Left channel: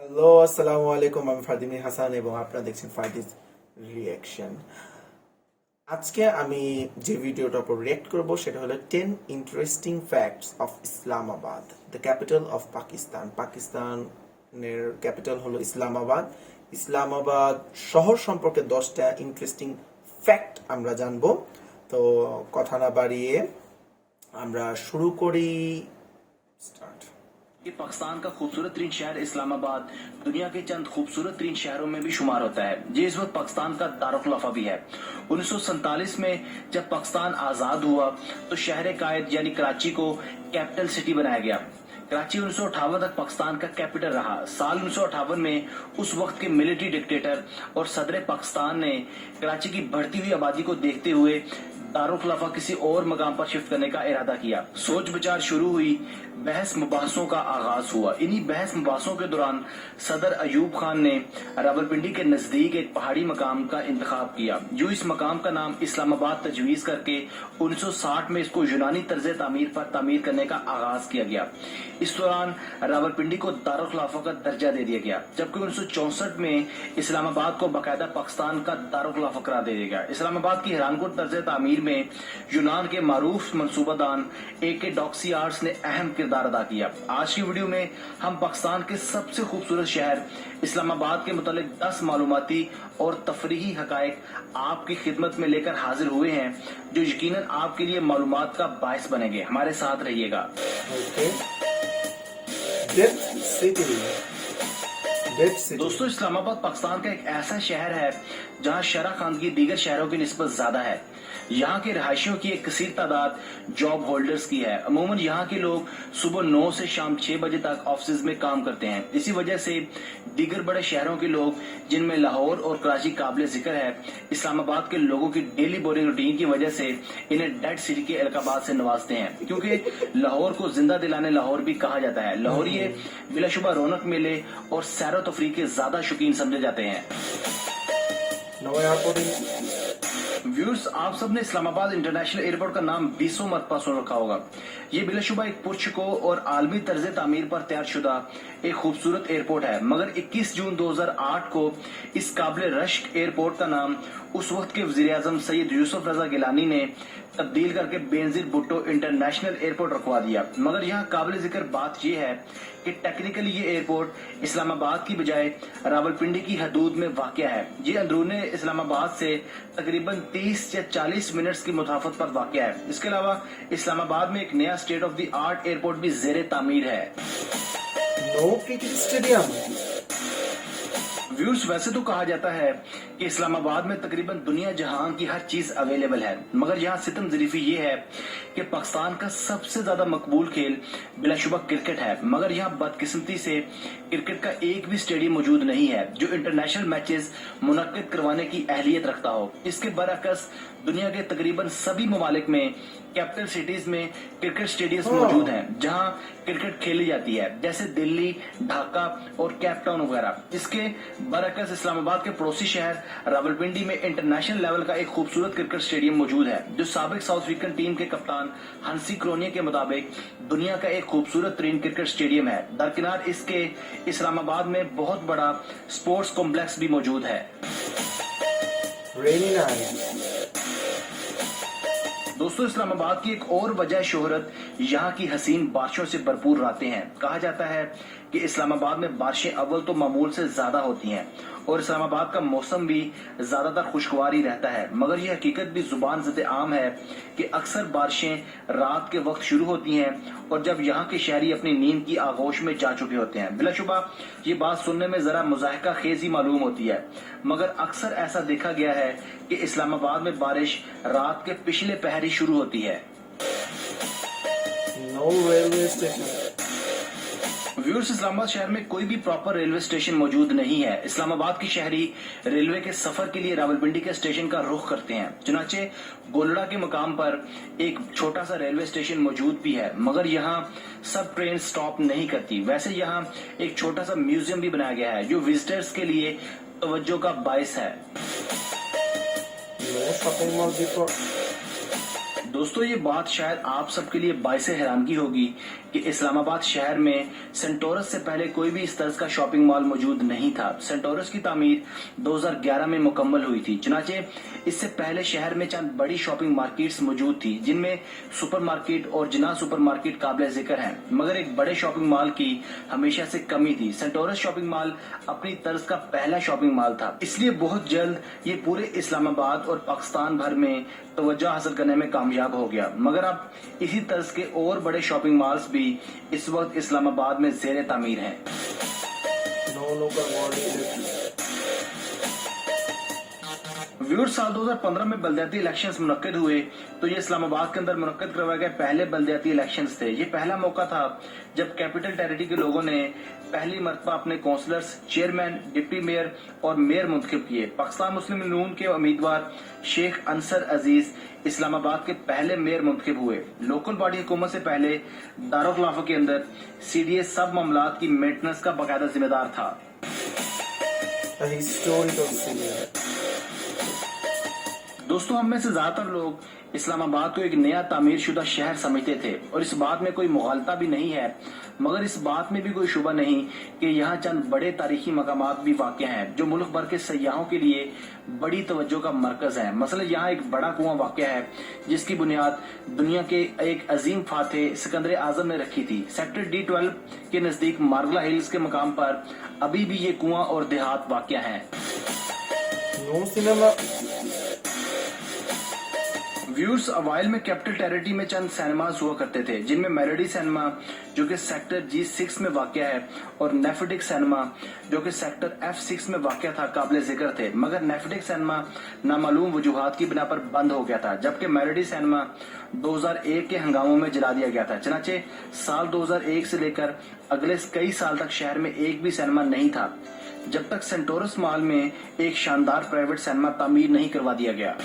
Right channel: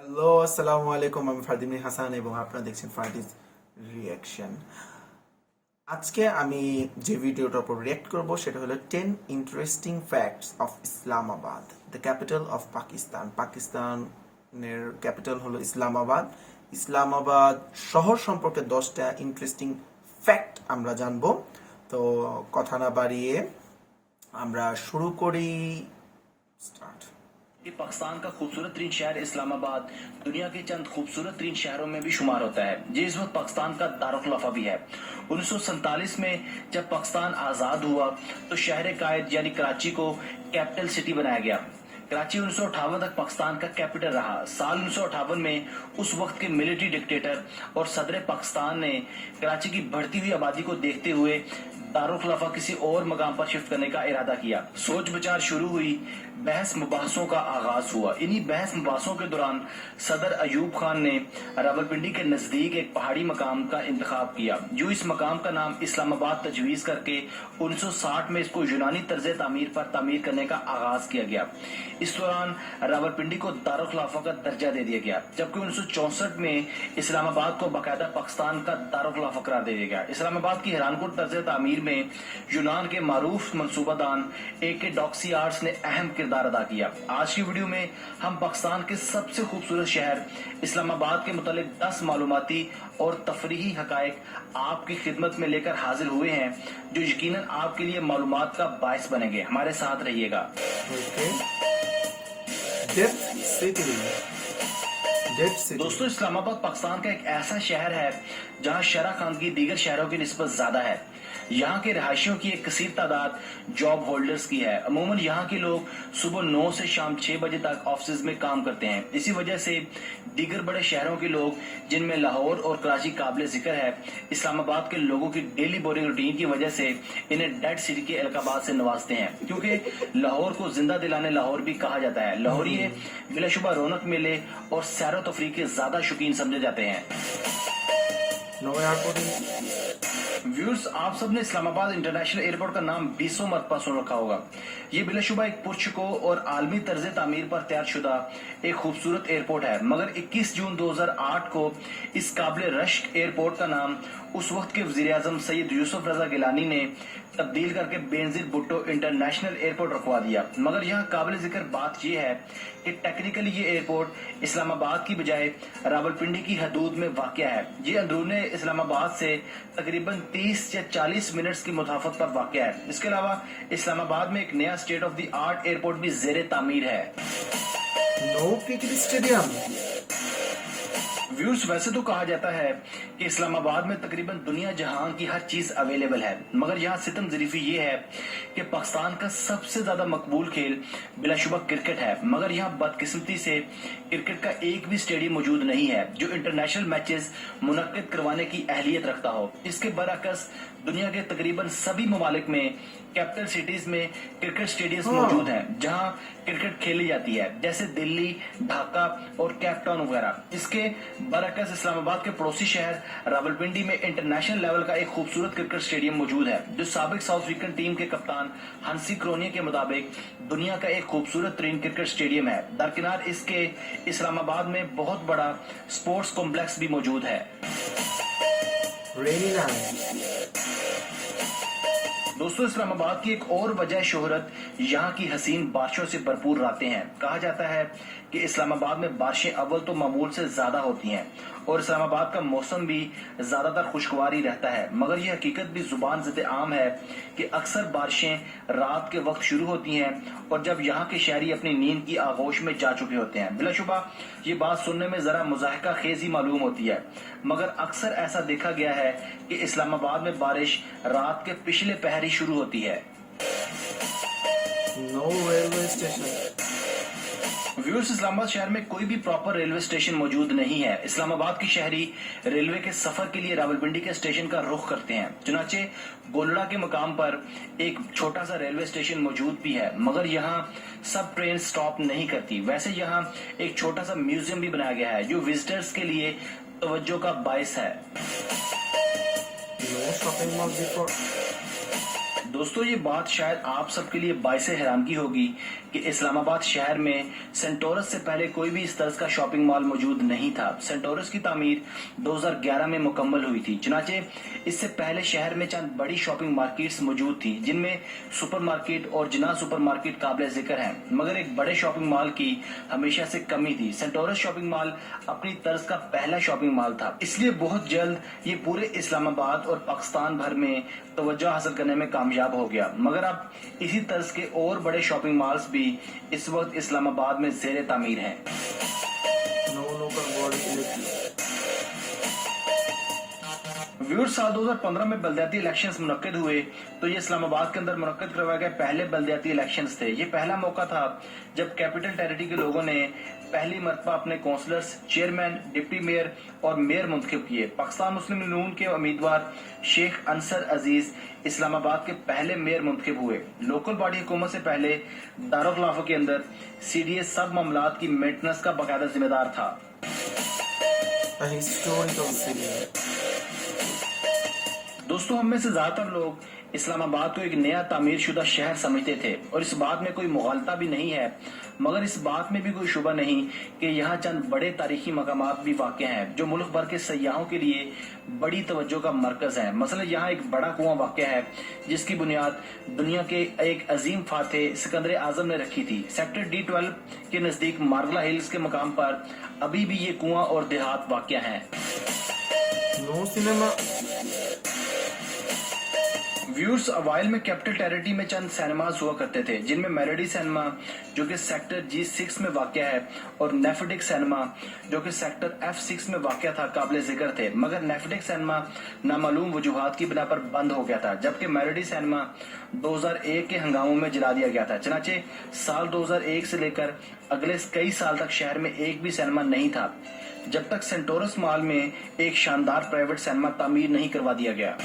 Hello, আসসালামু আলাইকুম। আমি ফারদিন হাসান এবং আপনারা দেখছেন ফারদিস রিয়াকশন। আজকে আমি যে ভিডিওটার উপর রিয়েক্ট করব সেটা হলো 10 interesting facts of Islamabad, the capital of Pakistan. পাকিস্তানের ক্যাপিটাল হলো ইসলামাবাদ। ইসলামাবাদ শহর সম্পর্কে 10টা ইন্টারেস্টিং ফ্যাক্ট আমরা জানবো। তো কথা না বাড়িয়ে আমরা শুরু করি। স্টার্ট। ये पाकिस्तान का खूबसूरत तरीन शहर इस्लामाबाद दुनिया के चंद खूबसूरत तरीन शहरों में भी शुमार होता है। ये इस वक्त पाकिस्तान का दारुखलाफा भी है। 1947 में जब पाकिस्तान आजाद हुआ तो शहर कायद यानी कराची को कैपिटल सिटी बनाया गया। कराची 1958 तक पाकिस्तान का कैपिटल रहा। साल 1958 में उस वक्त के मिलिट्री डिक्टेटर और सदर पाकिस्तान ने कराची की बढ़ती हुई आबादी को देखते हुए दारुखलाफा किसी और मकाम पर शिफ्ट करने का इरादा किया। सोच विचार शुरू हुई, बहस मुबासों का आगाज हुआ। इन्हीं बहस मुबासों के दौरान सदर अयूब खान ने रावलपिंडी के नजदीक एक पहाड़ी मकाम का इंतखाब किया। जो इस मकाम का नाम इस्लामाबाद तजवीज करके 1960 में इसको यूनानी तर्ज तामीर पर तामीर करने का आगाज किया गया। इस दौरान रावलपिंडी को दारुखलाफा का दर्जा दे दिया गया, जबकि 1964 में इस्लामाबाद को बाकायदा पाकिस्तान का दारुखलाफा करार दे दिया गया। इस्लामाबाद की हैरानकुन तर्ज तामीर में यूनान के मारूफ मंसूबादान AK डॉक्सियार्ड्स ने अहम किरदार अदा किया। आज की वीडियो में हम पाकिस्तान के सबसे खूबसूरत शहर इस्लामाबाद के मुतालिक 10 मालूमाती और तफरीही हकायक आपकी खिदमत में लेकर हाजिर हुए हैं, जो यकीनन आपके लिए मालूमात का बायस बनेंगे। हमारे साथ रहिएगा। Okay. Death city. Death city. दोस्तों, इस्लामाबाद पाकिस्तान का एक ऐसा शहर है जहां शरह खानगी दीगर शहरों की निस्बत ज्यादा है। यहाँ के रहायशियों की एक कसीर तादाद जॉब होल्डर्स की है। अमूमन यहाँ के लोग सुबह 9 से शाम 6 बजे तक ऑफिस में काम करते हैं। इसी वजह से दीगर बड़े शहरों के लोग, जिनमें लाहौर और कराची काबिल जिक्र है, इस्लामाबाद के लोगों की डेली बोरिंग रूटीन की वजह से इन्हें डेड सिटी के अलकाबाद से नवाजते हैं, क्योंकि लाहौर को जिंदा दिलाने लाहौर भी कहा जाता है। लाहौरिये बिलाशुबा रौनक मेले और सैर व तफरीह के ज्यादा शौकीन समझे जाते हैं। No airport. व्यूअर्स, आप सबने इस्लामाबाद इंटरनेशनल एयरपोर्ट का नाम 20 मरतबा सुन रखा होगा। ये बिलाशुबा एक पुरशको और आलमी तर्ज तामीर पर तैयार शुदा एक खूबसूरत एयरपोर्ट है, मगर 21 जून 2008 को इस काबिल रश्क एयरपोर्ट का नाम उस वक्त के वजीर आजम सैयद यूसुफ रजा गिलानी ने तब्दील करके बेनजीर भुट्टो इंटरनेशनल एयरपोर्ट रखवा दिया। मगर यहाँ काबिल जिक्र बात यह है कि टेक्निकली ये एयरपोर्ट इस्लामाबाद की बजाय रावलपिंडी की हदूद में वाक़या है। ये अंदरूने इस्लामाबाद से तकरीबन 30 या 40 मिनट्स की मुसाफत पर वाक़या है। इसके अलावा इस्लामाबाद में एक नया state of the art airport भी ज़ेरे तामीर है। No cricket stadium. व्यूअर्स, वैसे तो कहा जाता है कि इस्लामाबाद में तकरीबन दुनिया जहां की हर चीज अवेलेबल है, मगर यहाँ सितम ज़रीफ़ी ये है कि पाकिस्तान का सबसे ज्यादा मकबूल खेल बिलाशुबा क्रिकेट है, मगर यहाँ बदकिस्मती से क्रिकेट का एक भी स्टेडियम मौजूद नहीं है जो इंटरनेशनल मैचेस मुनक्किद करवाने की अहलियत रखता हो। इसके बरअक्स दुनिया के तकरीबन सभी ममालिक में कैपिटल सिटीज में क्रिकेट स्टेडियम मौजूद हैं जहां क्रिकेट खेली जाती है, जैसे दिल्ली, ढाका और केप टाउन वगैरह। इसके बरअक्स इस्लामाबाद के पड़ोसी शहर रावलपिंडी में इंटरनेशनल लेवल का एक खूबसूरत क्रिकेट स्टेडियम मौजूद है, जो साबिक साउथ अफ्रीकन टीम के कप्तान हंसी क्रोनिया के मुताबिक दुनिया का एक खूबसूरत तरीन क्रिकेट स्टेडियम है। दरकिनार इसके इस्लामाबाद में बहुत बड़ा स्पोर्ट्स कॉम्प्लेक्स भी मौजूद है। Rainy night. दोस्तों, इस्लामाबाद की एक और वजह शोहरत यहाँ की हसीन बारिशों से भरपूर रातें हैं। कहा जाता है कि इस्लामाबाद में बारिशें अव्वल तो मामूल से ज्यादा होती हैं और इस्लामाबाद का मौसम भी ज्यादातर खुशगवार ही रहता है, मगर यह हकीकत भी जुबान ज़द आम है कि अक्सर बारिशें रात के वक्त शुरू होती हैं और जब यहाँ के शहरी अपनी नींद की आगोश में जा चुके होते हैं। बिलाशुबा ये बात सुनने में जरा मुज़ाहिका खेज ही मालूम होती है, मगर अक्सर ऐसा देखा गया है कि इस्लामाबाद में बारिश रात के पिछले पहर ही शुरू होती है। No railway station. Viewers, Islamabad शहर में कोई भी प्रॉपर रेलवे स्टेशन मौजूद नहीं है। इस्लामाबाद की शहरी रेलवे के सफर के लिए रावलपिंडी के स्टेशन का रुख करते हैं। चुनाचे गोलड़ा के मकाम पर एक छोटा सा रेलवे स्टेशन मौजूद भी है, मगर यहाँ सब ट्रेन स्टॉप नहीं करती। वैसे यहाँ एक छोटा सा म्यूजियम भी बनाया गया है, जो विजिटर्स के लिए तवज्जो का बायस है। No shopping mall before. दोस्तों ये बात शायद आप सबके लिए बाइस हैरानगी होगी कि इस्लामाबाद शहर में सेंटोरस से पहले कोई भी इस तरह का शॉपिंग मॉल मौजूद नहीं था। सेंटोरस की तामीर 2011 में मुकम्मल हुई थी। चुनाचे इससे पहले शहर में चंद बड़ी शॉपिंग मार्केट्स मौजूद थी, जिनमें सुपरमार्केट और जिना सुपरमार्केट काबिल जिक्र हैं, मगर एक बड़े शॉपिंग मॉल की हमेशा से कमी थी। सेंटोरस शॉपिंग मॉल अपनी तर्ज का पहला शॉपिंग मॉल था, इसलिए बहुत जल्द ये पूरे इस्लामाबाद और पाकिस्तान भर में तवज्जो हासिल करने में कामयाब हो गया। मगर अब इसी तर्ज के और बड़े शॉपिंग मॉल्स भी इस वक्त इस्लामाबाद में ज़ेर तामीर हैं। व्यूअर्स, साल 2015 में बल्दियाती इलेक्शंस मुनक्किद हुए तो ये इस्लामाबाद के अंदर मुनक्किद करवाए गए पहले बल्दियाती इलेक्शंस थे। ये पहला मौका था जब कैपिटल टेरिटरी के लोगों ने पहली मरतबा अपने काउंसलर्स, चेयरमैन, डिप्टी मेयर और मेयर मुंतखब किए। पाकिस्तान मुस्लिम नून के उम्मीदवार शेख अंसर अजीज इस्लामाबाद के पहले मेयर मुंतखब हुए। लोकल बॉडी हुकूमत से पहले दारुल खिलाफा के अंदर सीडीएस सब मामलात की मेंटेनेंस का बाकायदा जिम्मेदार था। दोस्तों, हम में से ज्यादातर लोग इस्लामाबाद को एक नया तामीर शुदा शहर समझते थे और इस बात में कोई मुगालता भी नहीं है, मगर इस बात में भी कोई शुबा नहीं कि यहाँ चंद बड़े तारीखी मकामात भी वाक़ हैं जो मुल्क भर के सयाहों के लिए बड़ी तवज्जो का मरकज है। मसलन यहाँ एक बड़ा कुआं वाक़ है जिसकी बुनियाद दुनिया के एक अजीम फातेह सिकंदर आजम ने रखी थी। सेक्टर D12 के नजदीक मार्गला हिल्स के मकाम पर अभी भी ये कुआं और देहात वाक़ है। नो सिनेमा व्यूअर्स, अवाइल में कैपिटल टेरिटरी में चंद सिनेमाज हुआ करते थे, जिनमें मेलोडी सिनेमा जो कि सेक्टर G6 में वाक़या है और नेफेडिक सिनेमा जो कि सेक्टर F6 में वाक़या था काबिल जिक्र थे। मगर नेफेडिक सिनेमा नामालूम वजूहात की बिना पर बंद हो गया था, जबकि मेलोडी सिनेमा 2001 के हंगामों में जला दिया गया था। चनाचे साल 2001 से लेकर अगले कई साल तक शहर में एक भी सिनेमा नहीं था, जब तक सेंटोरस मॉल में एक शानदार प्राइवेट सिनेमा तामीर नहीं करवा दिया गया।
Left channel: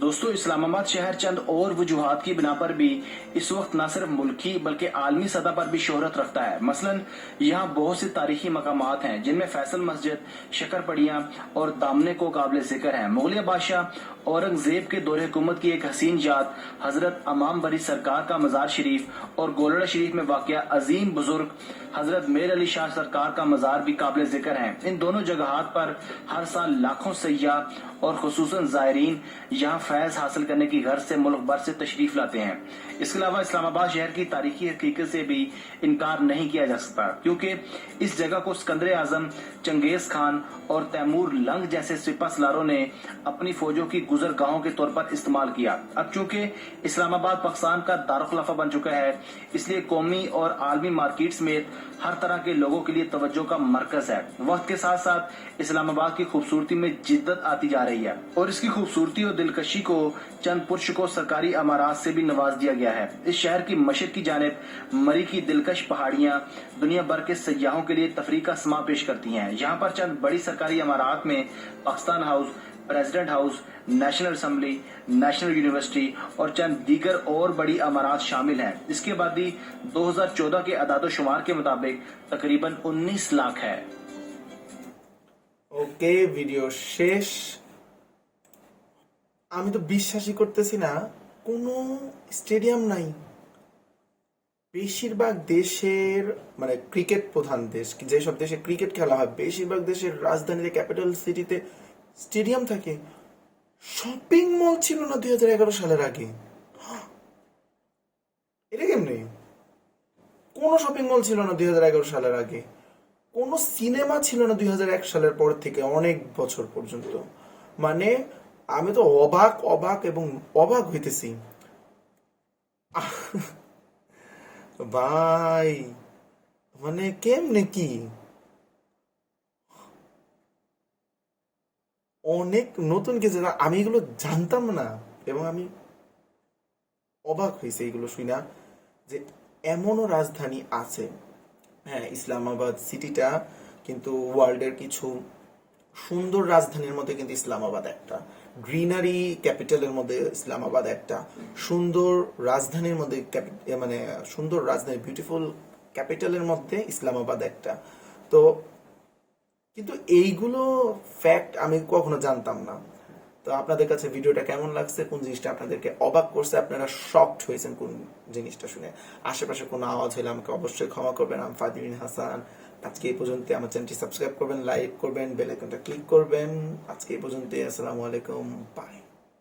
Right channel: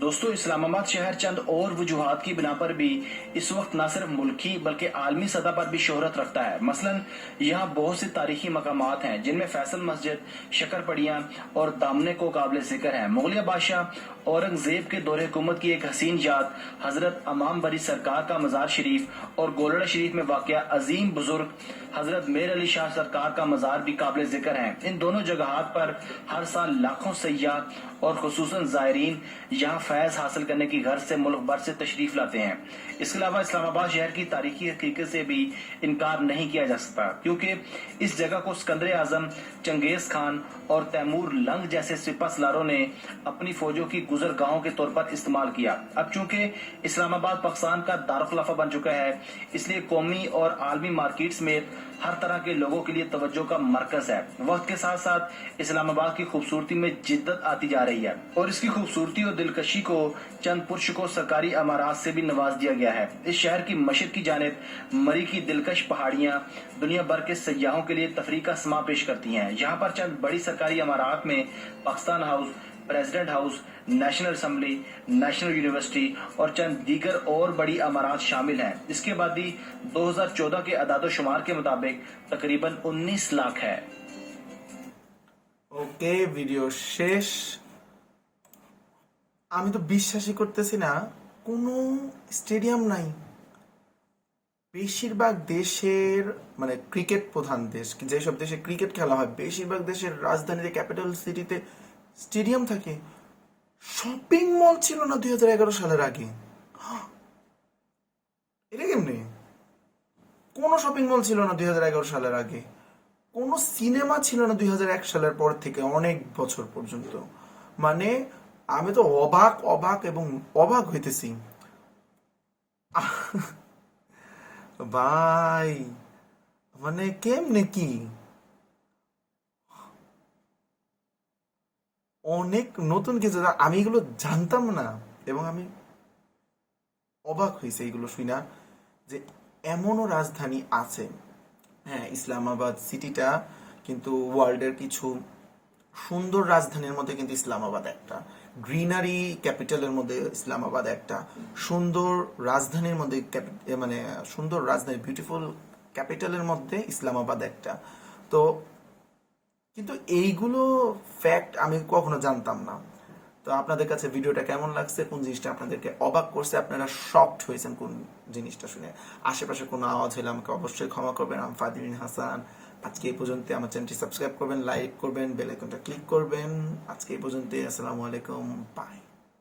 दोस्तों, इस्लामाबाद शहर चंद और वजूहात की बिना पर भी इस वक्त न सिर्फ मुल्की बल्कि आलमी सतह पर भी शोहरत रखता है। मसलन यहाँ बहुत से तारीखी मकामात हैं जिनमें फैसल मस्जिद, शक्करपड़ियाँ और दामने को काबिल जिक्र हैं। मुगलिया बादशाह औरंगजेब के दौरे हुकूमत की एक हसीन जात हजरत अमाम बरी सरकार का मजार शरीफ और गोलड़ा शरीफ में वाक़या अजीम बुजुर्ग हजरत मेर अली शाह सरकार का मजार भी काबिल जिक्र हैं। इन दोनों जगहात पर हर साल लाखों सयाह और खुसूसन ज़ायरीन यहाँ फैज हासिल करने की गर्ज से मुल्क भर से तशरीफ लाते हैं। इसके अलावा इस्लामाबाद शहर की तारीखी हकीकत से भी इनकार नहीं किया जा सकता, क्योंकि इस जगह को सिकंदर आजम, चंगेज खान और तैमूर लंग जैसे सिपह सलारों ने अपनी फौजों की गुजरगाहों के तौर पर इस्तेमाल किया। अब चूंकि इस्लामाबाद पाकिस्तान का दारुल बन चुका है, इसलिए कौमी और आलमी मार्केट समेत हर तरह के लोगों के लिए तवज्जो का मरकज है। वक्त के साथ साथ इस्लामाबाद की खूबसूरती में जिद्दत आती जा रही है और इसकी खूबसूरती और दिलकशी को चंद पुरशको सरकारी अमारात से भी नवाज दिया गया है। इस शहर की मशरक की जानिब मरी की दिलकश पहाड़ियां दुनिया भर के सयाहों के लिए तफरीह का समा पेश करती हैं। यहाँ पर चंद बड़ी सरकारी अमारात में Pakistan house, president house, national assembly, national university और चंद दीगर और बड़ी अमारात शामिल हैं। इसके बाद ही 2014 के अदाद-ओ-शुमार के मुताबिक तकरीबन 19 लाख है। ওকে, ভিডিও শেষ। আমি তো বিশ্বাসই করতেছি না কোনো স্টেডিয়াম নাই। বেশিরভাগ দেশের মানে ক্রিকেট প্রধান দেশ, যেসব দেশে ক্রিকেট খেলা হয়, বেশিরভাগ দেশের রাজধানীতে, ক্যাপিটাল সিটিতে স্টেডিয়াম থাকে। শপিং মল ছিল না 2011 সালের আগে। এটা কেমনে? কোনো শপিং মল ছিল না 2011 সালের আগে। কোনো সিনেমা ছিল না 2001 সালের পর থেকে অনেক বছর পর্যন্ত। মানে আমি তো অবাক এবং অবাক হইতেছি ভাই। মানে কেমনে কি অনেক নতুন কিছু, আমি এগুলো জানতাম না এবং আমি অবাক হয়েছে এগুলো শুনা যে এমনও রাজধানী আছে। হ্যাঁ, ইসলামাবাদ সিটিটা কিন্তু ওয়ার্ল্ডের কিছু সুন্দর রাজধানীর মধ্যে কিন্তু ইসলামাবাদ একটা, গ্রিনারি ক্যাপিটালের মধ্যে ইসলামাবাদ একটা, সুন্দর রাজধানীর মধ্যে মানে সুন্দর রাজধানী, বিউটিফুল ক্যাপিটালের মধ্যে ইসলামাবাদ একটা। তো কিন্তু এইগুলো ফ্যাক্ট আমি কখনো জানতাম না। তো আপনাদের কাছে ভিডিওটা কেমন লাগছে, কোন জিনিসটা আপনাদেরকে অবাক করছে, আপনারা শকড হয়েছেন কোন জিনিসটা শুনে? আশেপাশে কোনো আওয়াজ হলে আমাকে অবশ্যই ক্ষমা করবেন। আমি ফারদিন হাসান। আজকে এই পর্যন্ত। আমার চ্যানেলটি সাবস্ক্রাইব করবেন, লাইক করবেন, বেল আইকনটা ক্লিক করবেন। আজকে এই পর্যন্ত। আসসালামু আলাইকুম, বাই।